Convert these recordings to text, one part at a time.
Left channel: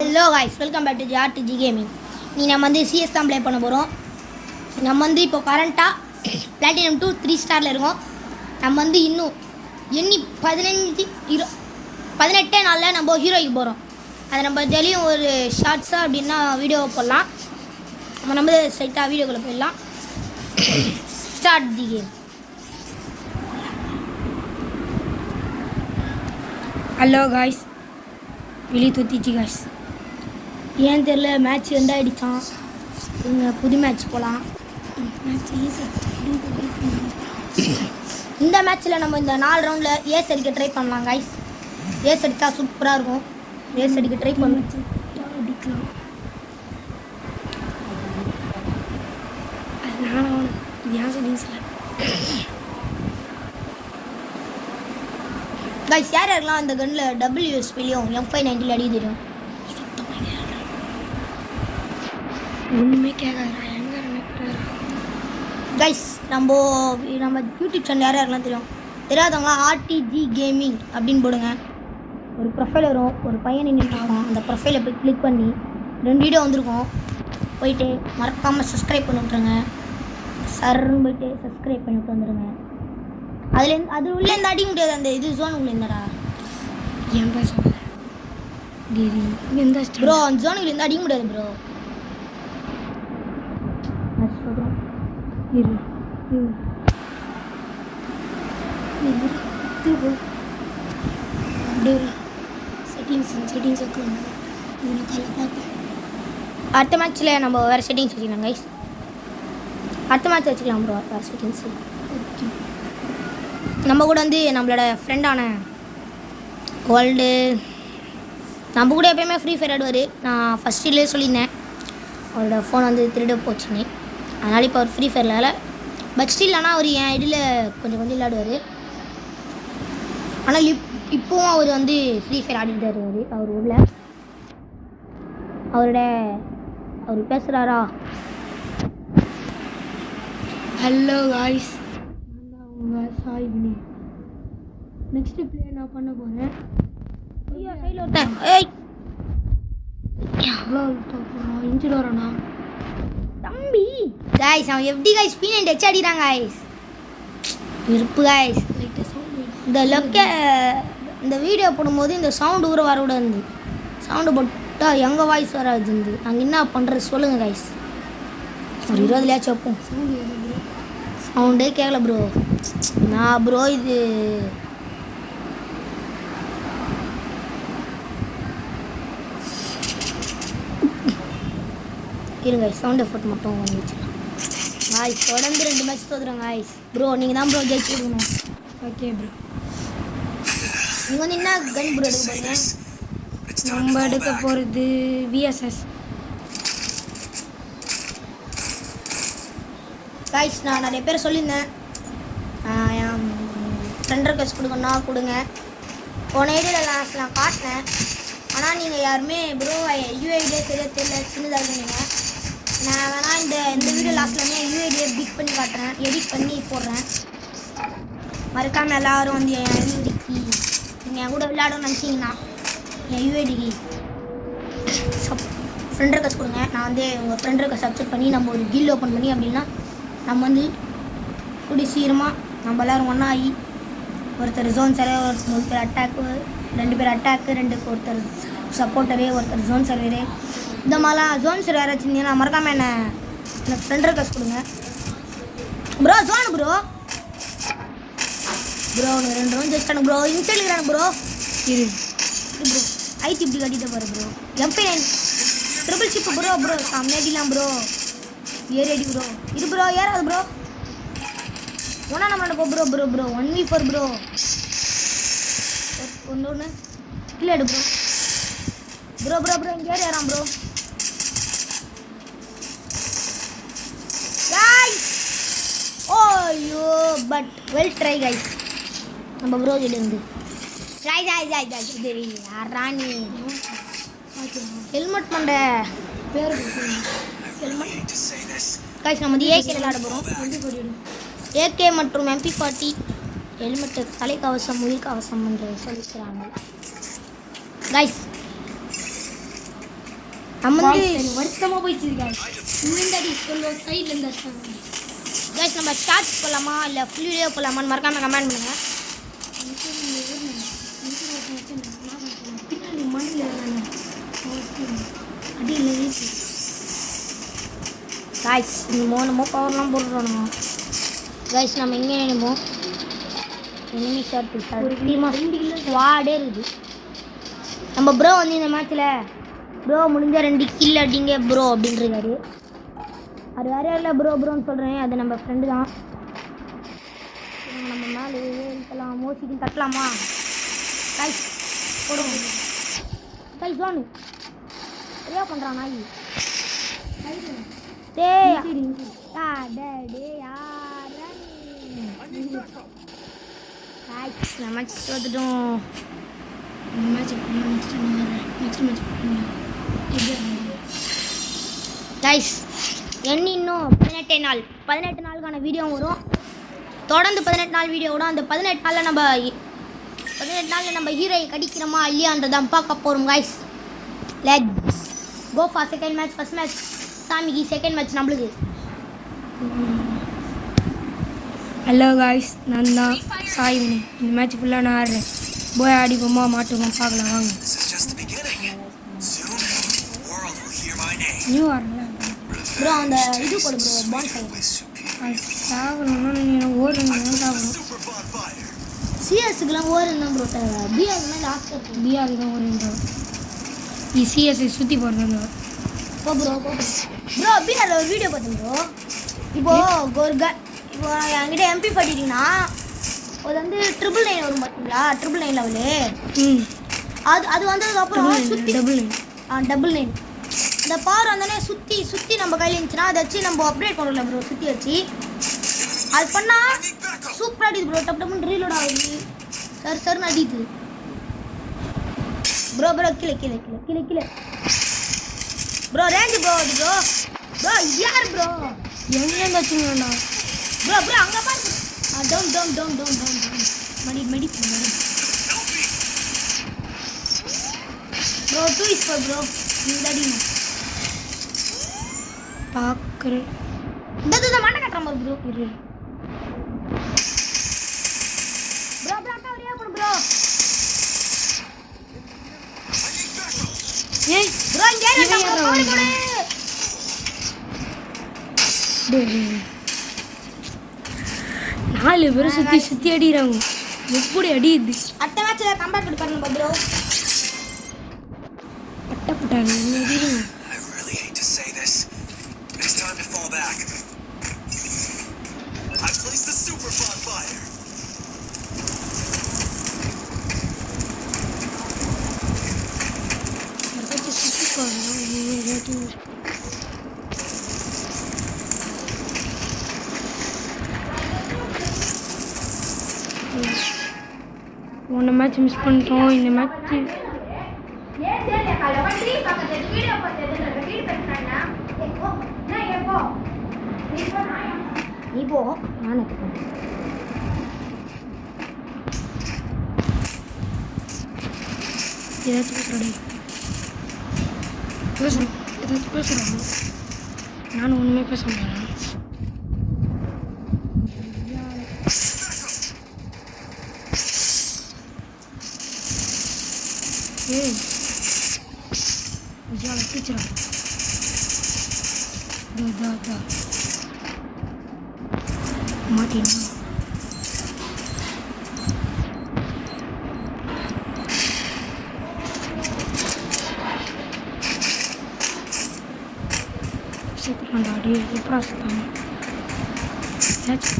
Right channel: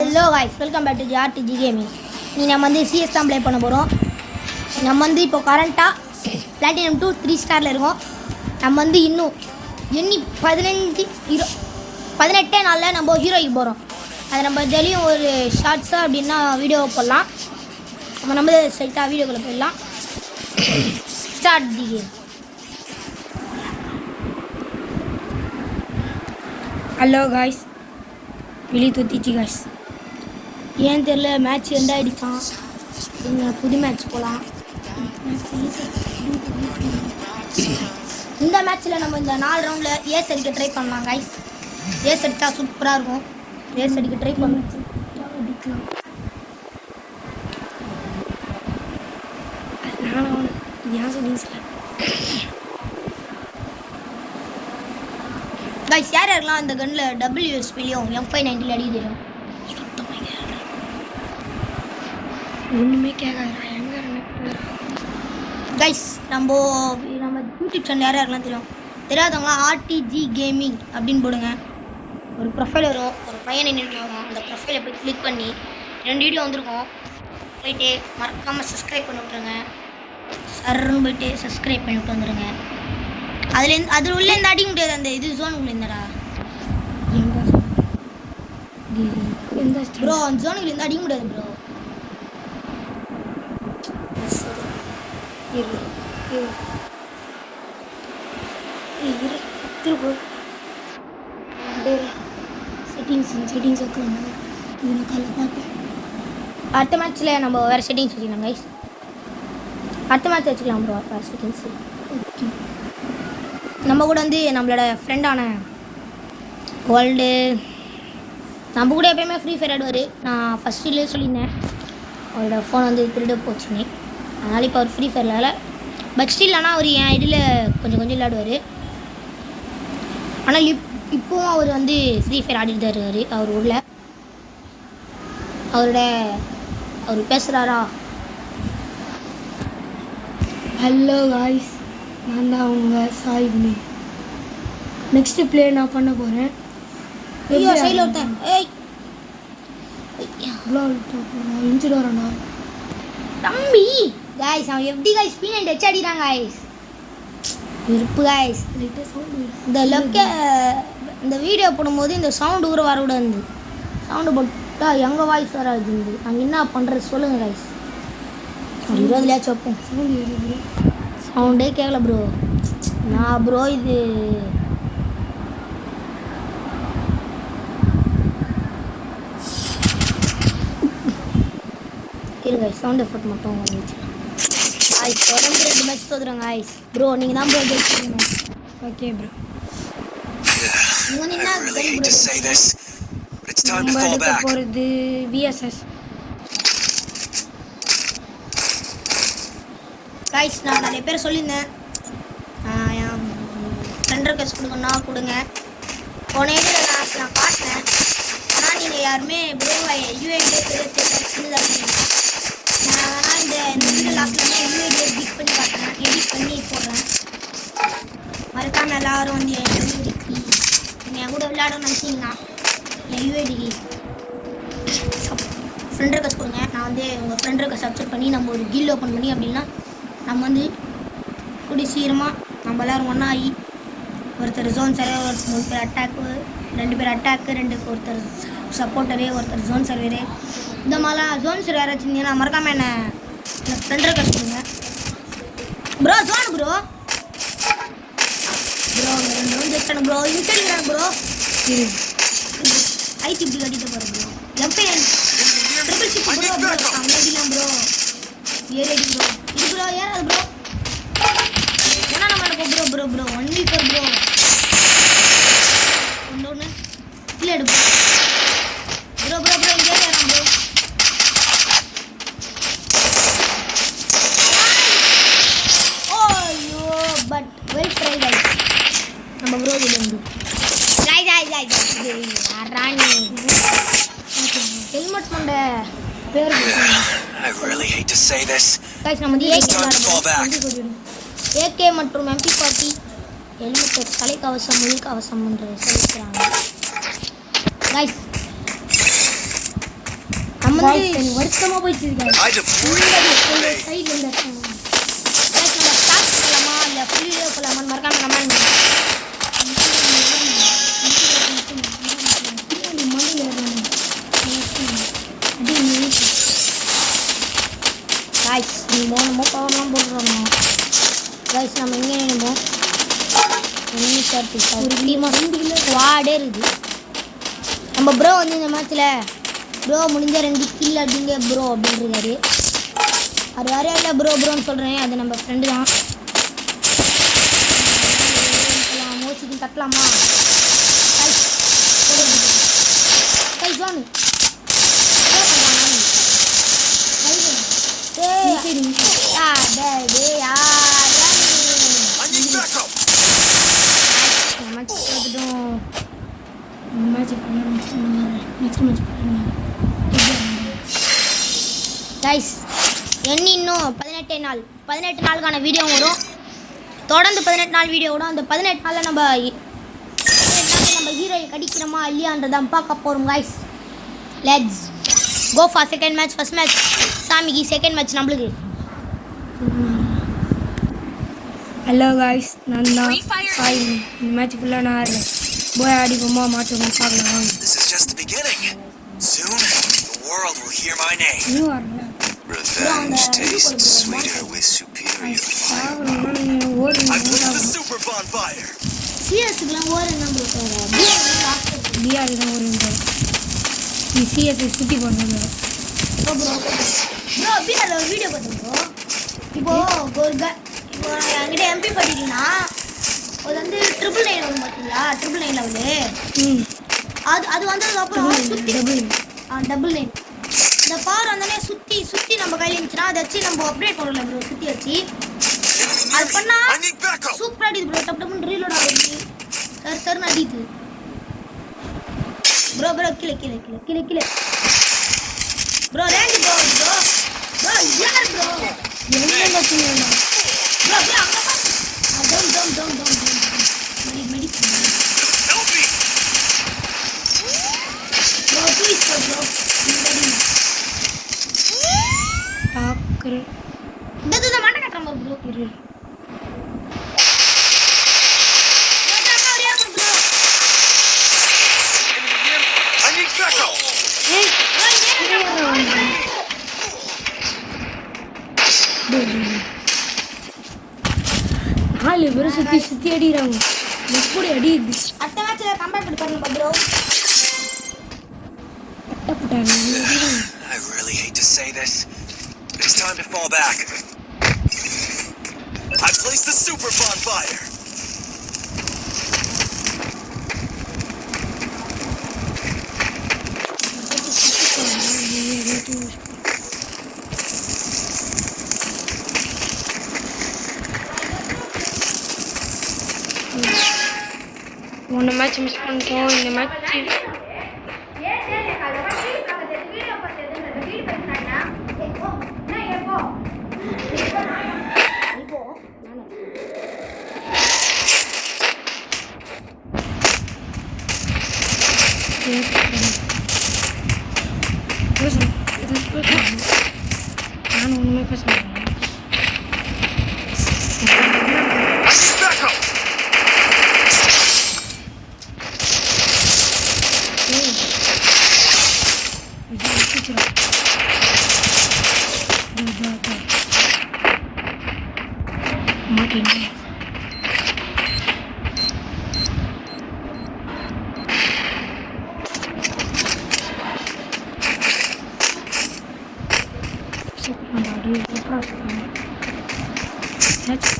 Hello guys, welcome back to JRTG Gaming. நீ நம்ம வந்து CS தான் ப்ளே பண்ண போகிறோம். நம்ம வந்து இப்போ கரண்ட்டாக Platinum 2 3 ஸ்டாரில் இருக்கோம். நம்ம வந்து இன்னும் 18 நாளில் நம்ம ஹீரோய்க்கு போகிறோம். அதை நம்ம டெய்லியும் ஒரு ஷார்ட்ஸாக அப்படின்னா வீடியோ போடலாம். நம்ம ஸ்ட்ரைட்டாக வீடியோக்குள்ளே போயிடலாம். Start the game. Hello guys, வெளியே தூத்திச்சு காய்ஸ். ஏன் தெரில, மேட்ச் ரெண்டாயிடுச்சான். நீங்கள் புது மேட்ச் போகலாம். இந்த மேட்ச்சில் நம்ம இந்த 4 ரவுண்டில் ஏஸ் அடிக்க ட்ரை பண்ணலாம் காய்ஸ். ஏஸ் அடித்தா சூப்பராக இருக்கும். ஏஸ் அடிக்க ட்ரை பண்ணிக்கலாம். இது ஏன் செட்டிங்ஸில் காய்ஸ், யார் யாரெல்லாம் அந்த கன்னில் WSPலையும் M590 அடிக்கிறோம். ஒன்றுமே கேட்காதா எங்கே கைஸ். நம்ம யூடியூப் சேனல் யார் யாரெல்லாம் தெரியாதவங்களாம் RTV கேமிங் அப்படின்னு போடுங்க. ஒரு ப்ரொஃபைல் வரும், ஒரு பையன் நின்றுட்டு ஆகும். அந்த ப்ரொஃபைலை போய் கிளிக் பண்ணி 2 வீடியோ வந்திருக்கோம். போயிட்டு மறக்காமல் சப்ஸ்கிரைப் பண்ணி விட்ருங்க. சர்ன்னு போயிட்டு சப்ஸ்கிரைப் பண்ணி விட்டு வந்துடுங்க. அதில் உள்ளேருந்து அடிக்க முடியாது. அந்த இது ஜோன் உள்ள இருந்தடா எந்த ப்ரோ, அந்த ஜோனுக்குள்ளேருந்து அடிக்க முடியாது ப்ரோ. அடுத்த மேட்ச்சில் நம்ம வேறு செட்டிங்ஸ் வச்சுக்கலாம் கைஸ். அடுத்த மேட்ச் வச்சுக்கலாம் ப்ரோ. வேறு செட்டிங்ஸ் ஓகே. நம்ம கூட வந்து நம்மளோட ஃப்ரெண்டான வேர்ல்டு நம்ம கூட எப்போயுமே ஃப்ரீ ஃபயர் ஆடுவார். நான் ஃபஸ்ட்டிலே சொல்லியிருந்தேன் அவரோட ஃபோன் வந்து திருட போச்சுன்னு. அதனால் இப்போ அவர் ஃப்ரீ ஃபயரில் இல்லை. பட் ஸ்டில் ஆனால் அவர் என் ஐடியில் கொஞ்சம் விளையாடுவார். ஆனால் இப்போவும் அவர் வந்து ஃப்ரீ ஃபயர் ஆடிட்டு தான் இருக்கார். அவர் உள்ள அவர் பேசுகிறாரா? ஹலோ காய்ஸ், நான் தான் அவங்க சாய்னி. நெக்ஸ்ட்டு ப்ளே நான் பண்ண போகிறேன். ஐயோ சைடில் ஒருத்தன். ஏய் இன்ஜின் வரண்ணா தம்பி. காய்ஸ் அவன் எப்படி காய்ஸ் P90 வச்சு அடிக்கிறாங்க காய்ஸ். வெறுப்பு காய்ஸ். இந்த வீடியோ போடும்போது இந்த சவுண்டு ஊற வரக்கூடாது. சவுண்டு போட்டால் எங்கள் வாய்ஸ் வராது. நாங்கள் என்ன பண்ணுறது சொல்லுங்கள் காய்ஸ். ஒரு 20 வைப்போம். சவுண்டே கேட்கல ப்ரோ. நான் ப்ரோ இது இருங்க சவுண்ட் எஃபர்ட் மட்டும் வாங்கி வச்சுக்கலாம் காய்ஸ். தொடர்ந்து 2 மேட்ச் தோத்துறோம் காய்ஸ். ப்ரோ நீங்கள் தான் ப்ரோ ஜெயிச்சிருக்கீங்க. Okay bro. நீங்கள் வந்து என்ன கன் ப்ரோ நம்ம எடுக்க போகிறது VSS காய்ஸ். நான் நிறைய பேர் சொல்லியிருந்தேன் என் ஃப்ரெண்ட் ரெக்வெஸ்ட் கொடுங்கன்னா கொடுங்க. போன இதில் நான் காட்டினேன். ஆனால் நீங்கள் யாருமே ப்ரோ UID சின்னதாக இருந்தீங்க. நான் வேணால் இந்த வீடியோ லாஸ்ட்டில் UID எடிட் பண்ணி காட்டுறேன். எடிட் பண்ணி போடுறேன். மறக்காமல் எல்லோரும் வந்து என் UIDக்கு நீங்கள் என் கூட விளையாடணும்னு நினச்சிங்கன்னா என் UIDக்கு ஃப்ரெண்ட் ரெக்வெஸ்ட் கொடுங்க. நான் வந்து உங்கள் ஃப்ரெண்ட் ரெக்வெஸ்ட் அக்செப்ட் பண்ணி நம்ம ஒரு கில் ஓப்பன் பண்ணி அப்படின்னா நம்ம வந்து கூடிய சீக்கிரமாக நம்ம எல்லோரும் ஒன்றா ஆகி ஒருத்தர் ஜோன் சர்வர், 3 பேர் அட்டாக்கு, 2 பேர் அட்டாக்கு, ஒருத்தர் சப்போர்ட்டரு, ஒருத்தர் ஜோன் சர்வரு. இந்த மாதிரிலாம் ஜோன் சர்வர் வச்சுருந்தீங்கன்னா மறக்காமல் எனக்கு ஃப்ரெண்ட் ரெக்வெஸ்ட் கொடுங்க ப்ரோ. ஜோனு ப்ரோ 2 ரவுண்ட் ஜெயிச்சிட்டானு ப்ரோ. இன்சைடிக்கிறாங்க ப்ரோ. ஐடி இப்படி கட்டிட்டு போகிற ப்ரோ. M590 ட்ரிபிள் ஷிப் ப்ரோ அம்மையாடிக்கலாம் ப்ரோ. ஏறி ப்ரோ. இது ப்ரோ ஏறாது ப்ரோ. ஏன்னா நம்ம ப்ரோ 1v4 ப்ரோ. ஒன்று இல்லை எடு ப்ரோ இங்கே ஏறான் ப்ரோ. ஓய்யோ பட் வெல் ட்ரை கைஸ். நம்ம ப்ரோ இதுலேருந்து ராணி ஹெல்மெட் பண்ண பேர் கைஸ். நம்ம வந்து AK விளையாடுவோம். AK மற்றும் MP40 ஹெல்மெட், தலைக்கவசம், உயிர் கவசம் என்று சொல்லிக்கிறாங்க. கைஸ் நம்ம வந்து வருத்தமாக போயிடுச்சு guys. சைடில் இருந்து கைஸ் நம்ம ஸ்டார்ட் பண்ணலாமா இல்லை ஃபுல் வீடியோ போகலாமான்னு மறக்காம கமெண்ட் பண்ணுங்க கைஸ் நம்ம பவர்லாம் போடுறோம் கைஸ் நம்ம எங்கே நினைப்போம் ஸ்குவாடே இருக்குது நம்ம ப்ரோ வந்து இந்த மேட்ச்சில் ப்ரோ முடிஞ்ச 2 கில் அடிங்க ப்ரோ அப்படின்றாரு அது யாரையா இல்லை ப்ரோன்னு சொல்கிறேன் அது நம்ம ஃப்ரெண்டு தான் மோசிக்கு கட்டலாமா கைஸ் போடுவோம் கைஸ் வாங்க என்ன பண்ணுறான் நாள் வந்துட்டோம் கைஸ் இன்னும் 18 நாளுக்கான வீடியோ வரும் தொடர்ந்து 18 நாள் வீடியோ வரும் அந்த 18 நாளில் நம்ம ஹீரோயை கடிக்கிறோமா இல்லையான்றதான் பார்க்க போகிறோம் guys let's go for second match first match சாமிக்கு செகண்ட் மேட்ச் நம்மளுக்கு ஹலோ காய்ஸ் நான் தான் சாய்வினி இந்த மேட்ச் ஃபுல்லாக நான் ஆடுறேன் போய் ஆடிப்போமா மாட்டுவோம் பார்க்கலாம் வாங்க நியூ ஆடுறேன் சாகணும்னா நீங்கள் ஓடுறீங்க சிஎஸ்க்குலாம் ஓடுறேன் பிஆர் தான் ஓடுறேன் நீ சிஎஸ்ஐ சுற்றி போடுறது ப்ரோ பிஆர் ஒரு வீடியோ பார்த்துருக்கோம் இப்போ என்கிட்ட எம்பி படிக்கிறீங்கன்னா அது வந்து 999 வரும் பார்த்தீங்களா 999 லெவலு அது வந்ததுக்கப்புறம் சுற்றி டபுள் நைன் இந்த பார் வந்தோடனே சுற்றி நம்ம கையில் இருந்துச்சுன்னா அதை வச்சு நம்ம அப்டேட் பண்ணல ப்ரோ சுற்றி வச்சு அது பண்ணால் சூப்பராக அடிக்குது ப்ரோ டப்புன்னு ரீலோட ஆகுது சருன்னு அடிக்குது ப்ரோ கீழே ப்ரோ ரேஞ்சி ப்ரோ யார் ப்ரோ என்ன வச்சுங்கண்ணா ப்ரோ அங்கே பாரு டவுன் மணி ப்ரோ ப்ளீஸ் ப்ரோ பார்க்குறேன் இந்த மாட்டை கட்டுற மாதிரி ப்ரோ இரு ஏய் நாலு பேரும் சுற்றி அடிக்கிறாங்க எப்படி அடியுது அடுத்த மேட்ச்ல கம்பேக் பண்ணுங்க ப்ரோ பட்டப்பட்டாங்க அடிக்கிறாங்க I really hate to say this. It's time to fall back. I placed the super bonfire. போன மேட்ச் மிஸ் பண்ணிட்டோம் இந்த மேட்ச் பேசணும் நான் ஒன்றுமே பேச முடியாது மாட்டேன்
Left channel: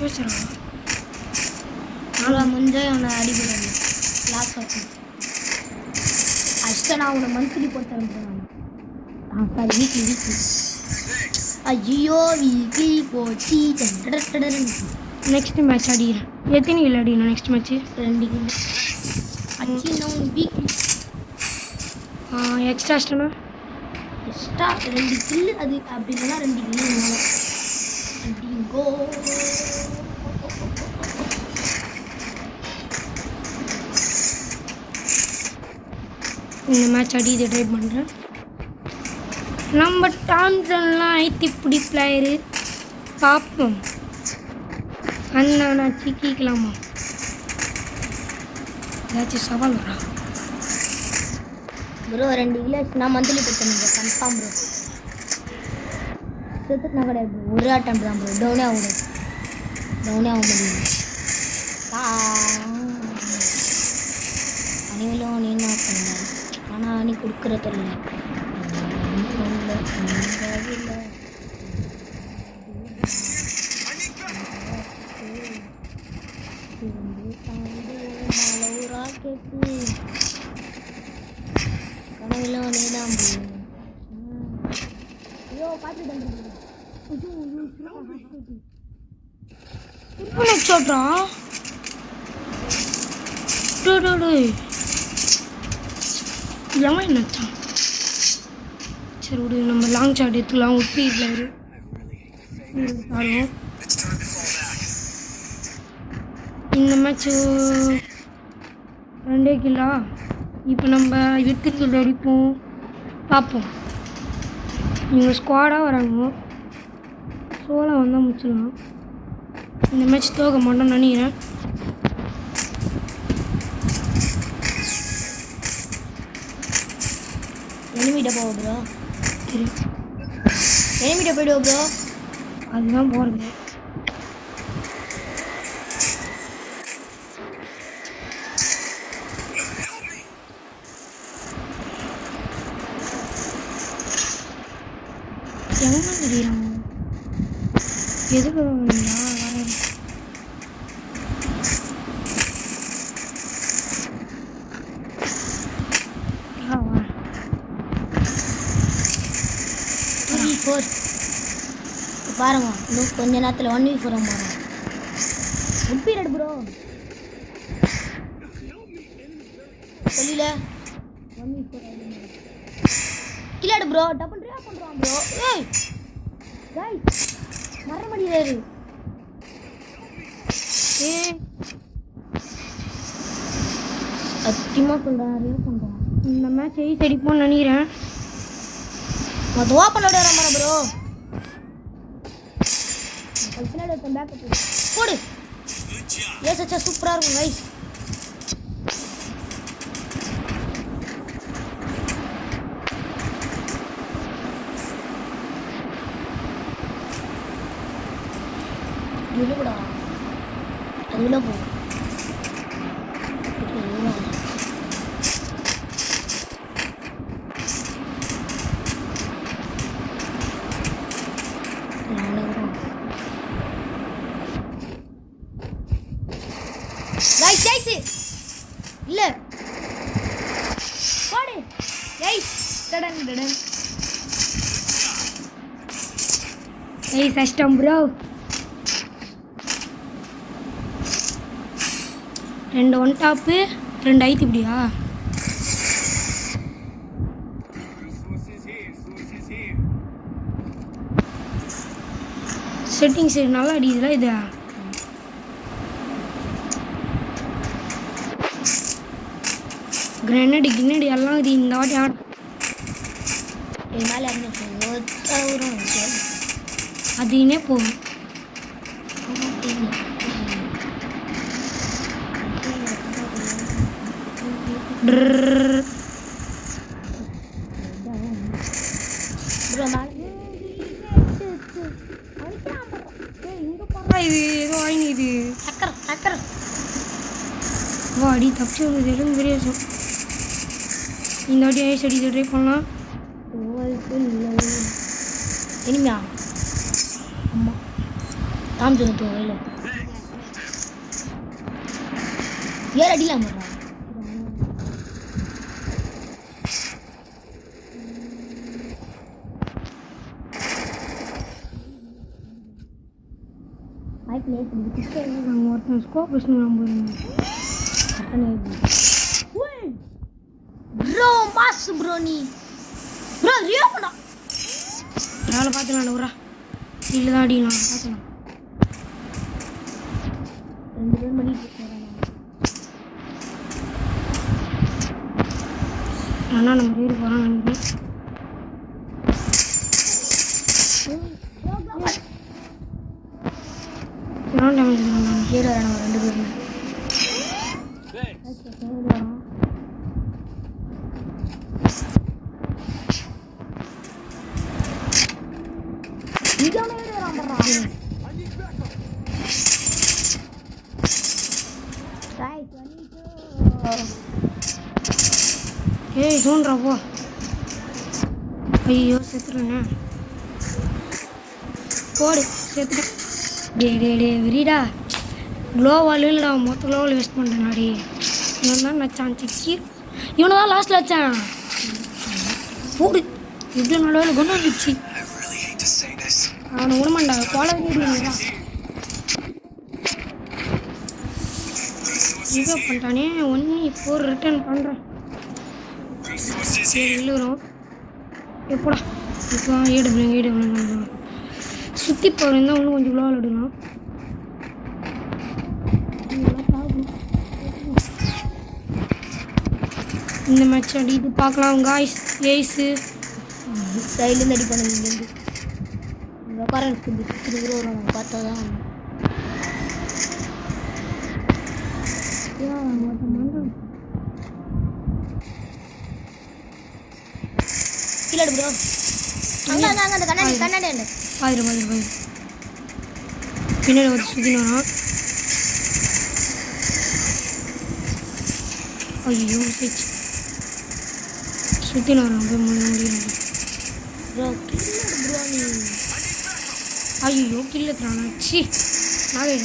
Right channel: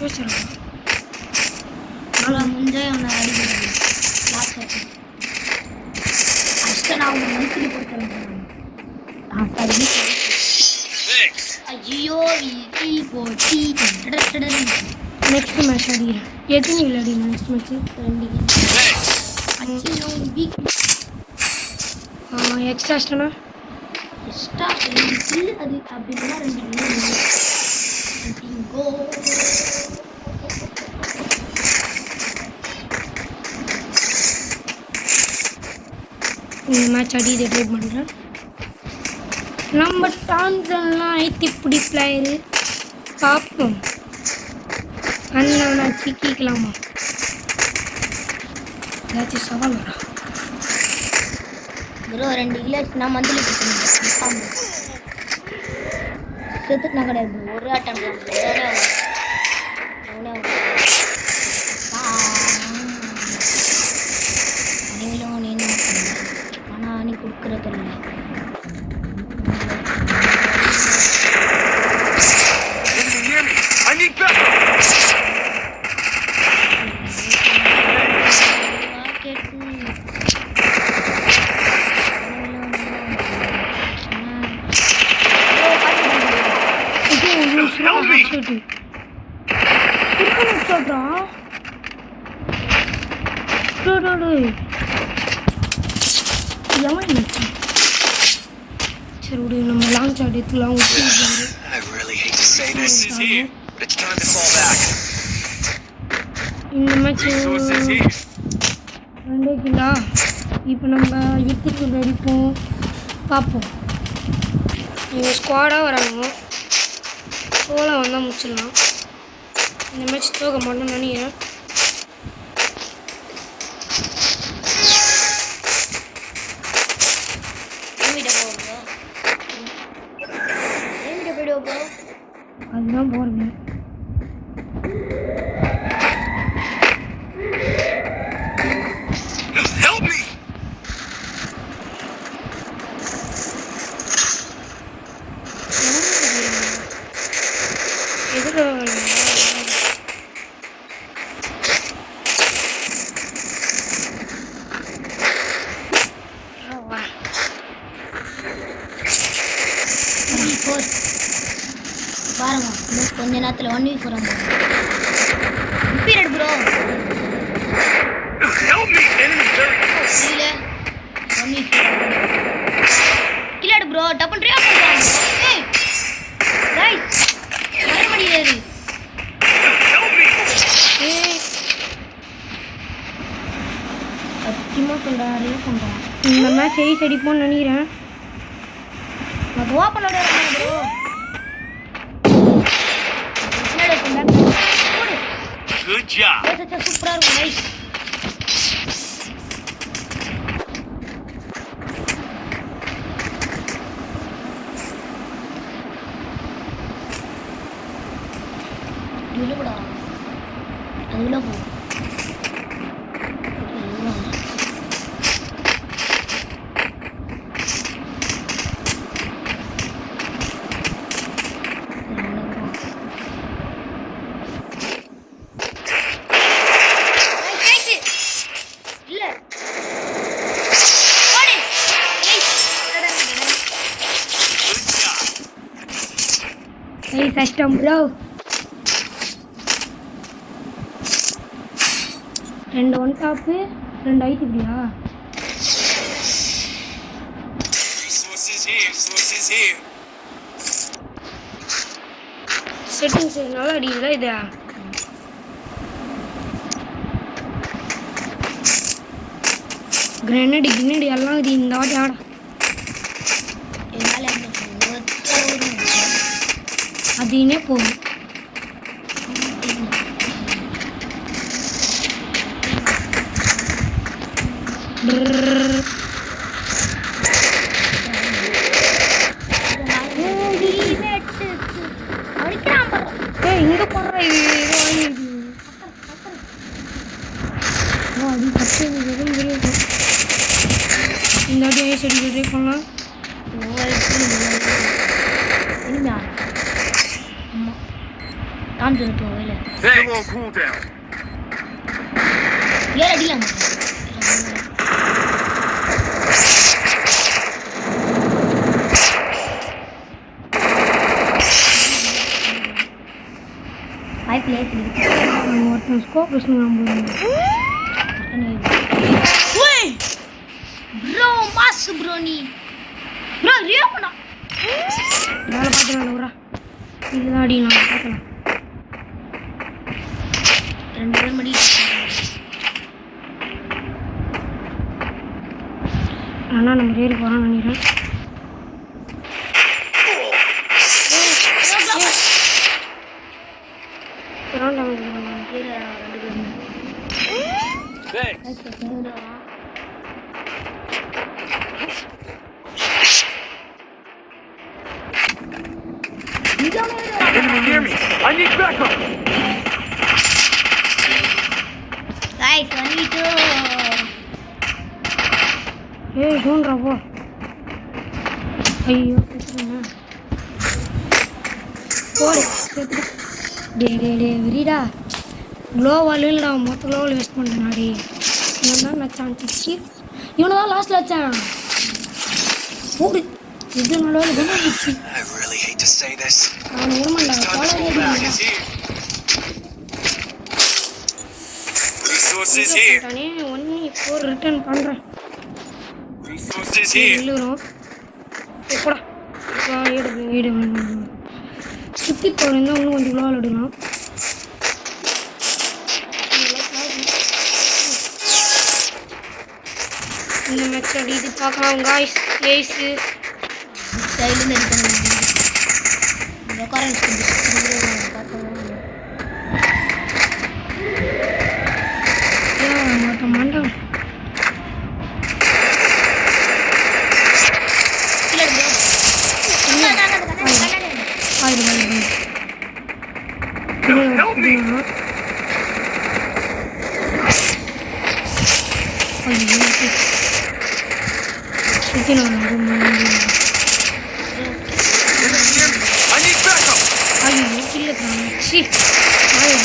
பேசுகிறான் முஞ்சே அவனை அடிக்கிறாங்க லாஸ்ட் அஷ்ட நான் அவனை மந்த்லி போட்டுறேன் ஐயோ வீட்டி போச்சு நெக்ஸ்ட் மேட்ச் அடிக்கிறேன் எத்தனை இல்லை அடிக்கணும் நெக்ஸ்ட் மேட்ச்சு 2 எக்ஸ்ட்ரா அஷ்டனா எக்ஸ்ட்ரா 2 கில் அது அப்படின்னா 2 கில் கோ இந்த மேட்ச் அடி இதை ட்ரை பண்ணுறேன் நம்ம டான்சன்லாம் ஐத்தி பிடி பிளேயரு பார்ப்போம். அண்ணா சிக்கிக்கலாமா? ஏதாச்சும் சவால் வரா? ப்ரோ 2 கிலோ நான் மந்த்லி கொடுத்துருந்தேன் கன்ஃபார்ம் ப்ரோ. செத்துட்டுனா கிடையாது ப்ரோ. ஒரு அட்டன் தான் ப்ரோ. டவுனே ஆகும் நீங்களும் நீ என்ன பண்ணுங்க. ஆனால் நீ கொடுக்குறது இல்லை. I need backup. சொல்றான் நினைச்சான். சரி விடு, நம்ம லாங் ஷாட் எடுத்துக்கலாம். ஒட்டி I really hate to say this. It's time to fall back. இந்த மேட்ச் 2 கிலோ. இப்போ நம்ம வித்துக்கு அடிப்போம், பார்ப்போம். நீங்கள் ஸ்குவாடாக வராங்க, சோளம் வந்தால் முடிச்சிடலாம். இந்த மேட்ச் தோக்க மாட்டோம்னு நினைக்கிறேன். அதுதான் போகிறது. Help me. எங்கே தெரியுறாங்க? எதுக்கு பாருங்க இன்னும் கொஞ்ச நேரத்தில் 1v4 பாருங்க. பீரியட் ப்ரோ இல்லை 1v4 கில்லாடு ப்ரோ. டப்பன் ட்ரியா பண்ணுறாங்க ப்ரோ. ஏய் கைஸ் வர முடியாது. ஏய் சத்தியமாக சொல்கிறாரு பண்ணுறான். இந்த மேட்ச் 8 அடிப்போம்னு நினைக்கிறேன். நான் துவா பண்ண விடுறேன் ப்ரோ. Good job. சூப்பராக இருக்கும் கைஸ். இழுபடா அதில் போகும். இல்லை ஓடி ஏய் கஷ்டம் ப்ரோ. 2 ஒன் டாப்பு 2 ஐத்தி இப்படியா? செட்டிங்ஸ் நல்லா அடிக்குதுல இது. கிரனேடு எல்லாம் இது இந்த வாட்டி ஆட. அதுனே போகும். இங்கே போடுறா இது ஏதோ வாங்கிது. அடி தப்பு எதுவும் தெரியாது. இந்த வாட்டி ஐஸ் அடிக்க ட்ரை பண்ணலாம். இனிமையா அம்மா காமிச்சு இல்லை 7 அடிக்கலாம். ஒருத்தன் ஸ்கோப் ப்ரோ மாஸ் ப்ரோ நீ ப்ரோ ரியோ பண்ணா வேலை பார்த்துலாம் விட்றா. இல்லை தான் அடிக்கலாம் பார்க்கலாம். 2 பேர் மணி ஆனால் நம்ம ஏறி போகிறான்னு நினைக்கிறேன். Hear me. I need backup. Guys, 1v2. ஏய் தோன்றா போ. ஐயோ செத்துறேன். போடு செத்துட்டேன். டே விரிடா. க்ளோவால் இல்லைடா, மொத்த க்ளோவால் வேஸ்ட் பண்ணிட்டேன் டே. இவன் தான் நச்சான் சிக்கி. இவனை தான் லாஸ்ட்டில் வச்சான். போடு இது நடுவில் கொண்டு வந்துச்சு. I really hate to say this. அவனை விடமாண்டா போல வேண்டியதா. Resources இதை here. பண்ணிட்டானே 1v4 ரிட்டர்ன் பண்ணுறேன். Resources here. இல்லுறோம் எப்படா இப்போ ஈடுபடுங்க சுற்றி போகிறதா இன்னும் கொஞ்சம் க்ளோவால் எடுக்கலாம். இந்த மேட்ச் அப்படி இது பார்க்கலாம் காய்ஸ். ஏஸு சைட்லேருந்து அடி பண்ண முடியுது. இந்த உட்காரன் பார்த்தா மண்டம் கீழே எடுங்க. அந்த கண்ணாடி ஆயிரம் பின்னாடி ஒரு சுற்றினா ஐயோ சுற்றினா I need backup. ஐயோ கில்லுக்குறாங்க. சி ஏய்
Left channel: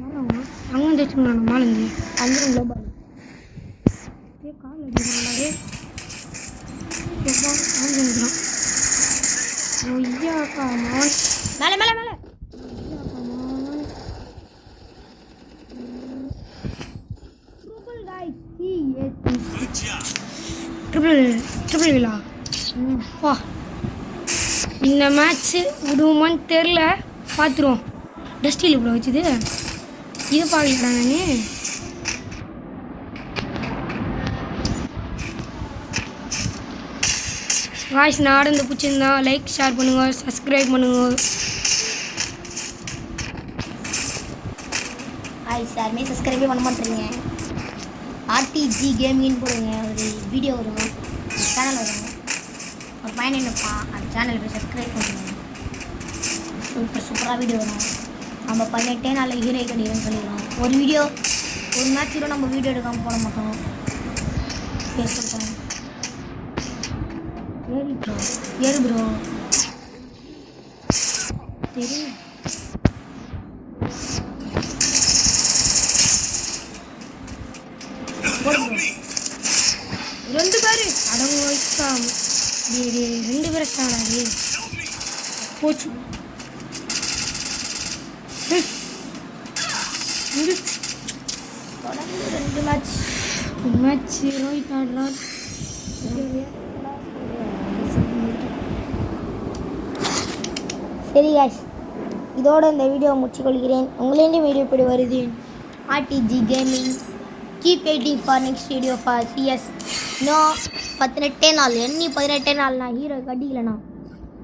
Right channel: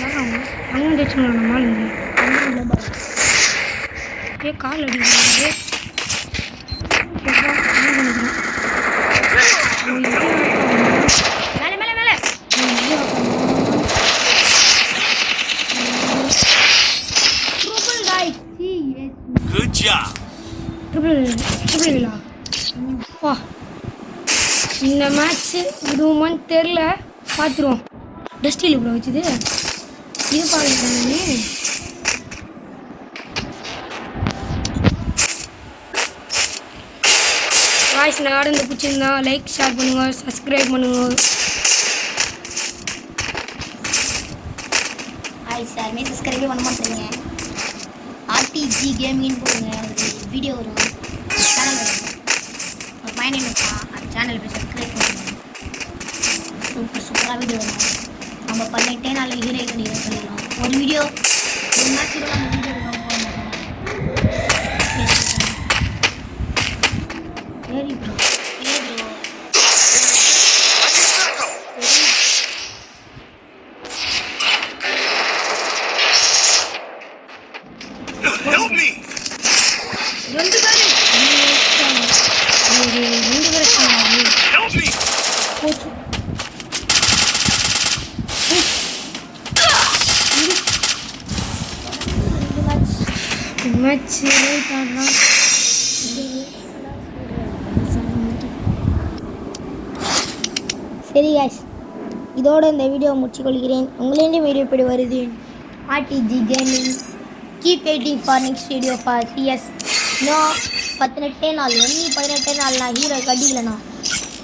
யாராங்க அங்கே வந்து வச்சுருங்க மாலேருந்து அந்த உள்ள பாரு. ஏ கால் அடிக்கிறாங்க. எப்போ ஆன் பண்ணிக்கிறான். மேலே மேலே மேலே triple guys. Good job. Triple விழா வா. இந்த மேட்ச்சு விடுவோமான்னு தெரில, பார்த்துருவோம். டஸ்டில் இவ்வளோ வச்சுது இது பார்த்துட்டானே. வாய்ஸ் நடந்து பிடிச்சிருந்தா லைக் ஷேர் பண்ணுங்கள், சப்ஸ்கிரைப் பண்ணுங்கள். காய்ஸ் யாருமே சப்ஸ்கிரைபே பண்ண மாட்டேங்க. ஆர்டிஜி கேமிங்னு போடுங்க, ஒரு வீடியோ வரும், சேனல் வரும். ஒரு பையன் இருப்பான், அந்த சேனல் போய் சப்ஸ்கிரைப் பண்ணுங்க. சூப்பராக வீடியோ வரும். நம்ம பண்ணிட்டே நாளைக்கு ஹீரோ பண்ணிடுறோம் சொல்லிடலாம். ஒரு வீடியோ ஒரு மேட்ச் கூட நம்ம வீடியோ எடுக்காம போக மாட்டோம். பேசிட்டேன். ஏறி ப்ரோ Help me. ரெண்டு பேர் ரெண்டு பேர் Help me. போச்சு. மேட்ச் சரி காய்ஸ், இதோட இந்த வீடியோ முடிச்சுக்கொள்கிறேன். உங்களிடம் வீடியோ எப்படி வருது? RTG gaming keep waiting for next video for CS. இன்னும் 18 நாள் 18 நாள் நான் ஹீரோ கட்டிக்கலண்ணா.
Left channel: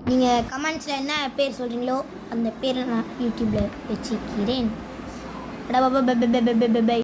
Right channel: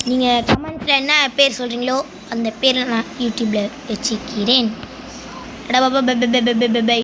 நீங்கள் கமெண்ட்ஸில் என்ன பேர் சொல்கிறீங்களோ அந்த பேரில் நான் யூடியூப்பில் வச்சுக்கிறேன். பை